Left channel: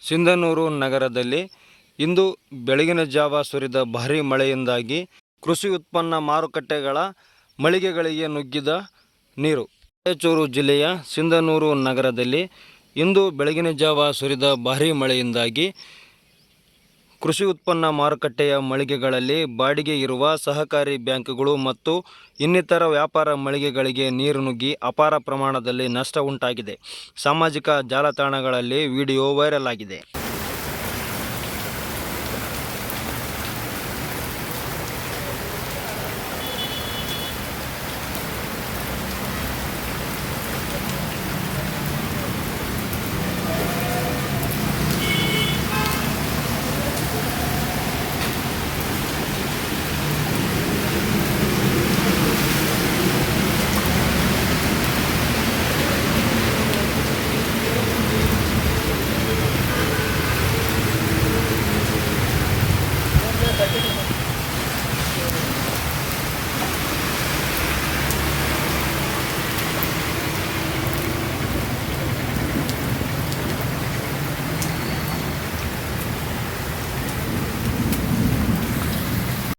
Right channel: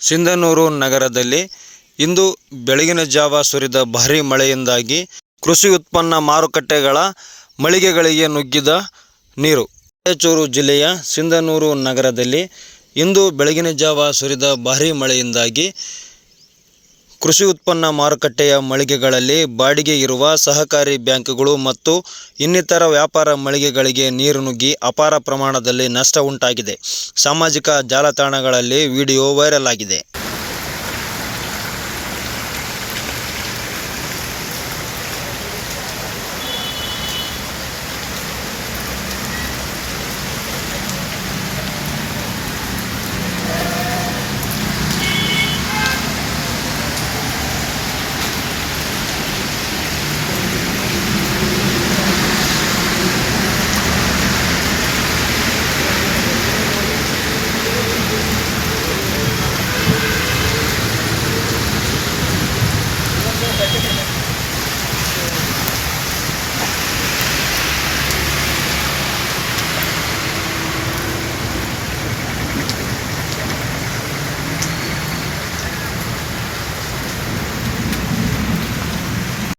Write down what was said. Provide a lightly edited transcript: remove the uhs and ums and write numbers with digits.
ಸಿಂಧನೂರು ನಗರದಲ್ಲಿ ಇಂದು ಬೆಳಗಿನ ಜಾವ ಸುರಿದ ಭಾರೀ ಮಳೆಯಿಂದಾಗಿ ಕೃಷಿ ಉತ್ಪನ್ನ ಮಾರುಕಟ್ಟೆಗಳ ಮಳಿಗೆಗಳಿಗೆ ನುಗ್ಗಿದ ನೀರು. ರಾಯಚೂರು ಜಿಲ್ಲೆಯ ಸಿಂಧನೂರು ನಗರದಲ್ಲಿ ಇಂದು ಬೆಳಗಿನ ಜಾವ ಸುರಿದ ಭಾರೀ ಮಳೆಯಿಂದಾಗಿ ಕೃಷಿ ಉತ್ಪನ್ನ ಮಾರುಕಟ್ಟೆಯ ಮಳಿಗೆಗಳಲ್ಲಿ ಬಾಡಿಗೆ ಇರುವ ಸಹಕಾರಿ ಬ್ಯಾಂಕ್ಗಳು ಮತ್ತು ಇನ್ನಿತರ ವ್ಯಾಪಾರ ಮಳಿಗೆಗಳಿಗೆ ನೀರು ನುಗ್ಗಿ ಅಪಾರ ಪ್ರಮಾಣದಲ್ಲಿ ನಷ್ಟ ಉಂಟಾಗಿದೆ. ಸಾಮಾಜಿಕ ಜಾಲತಾಣಗಳಲ್ಲಿ ವಿಡಿಯೋ ವೈರಲ್ ಆಗಿದೆ.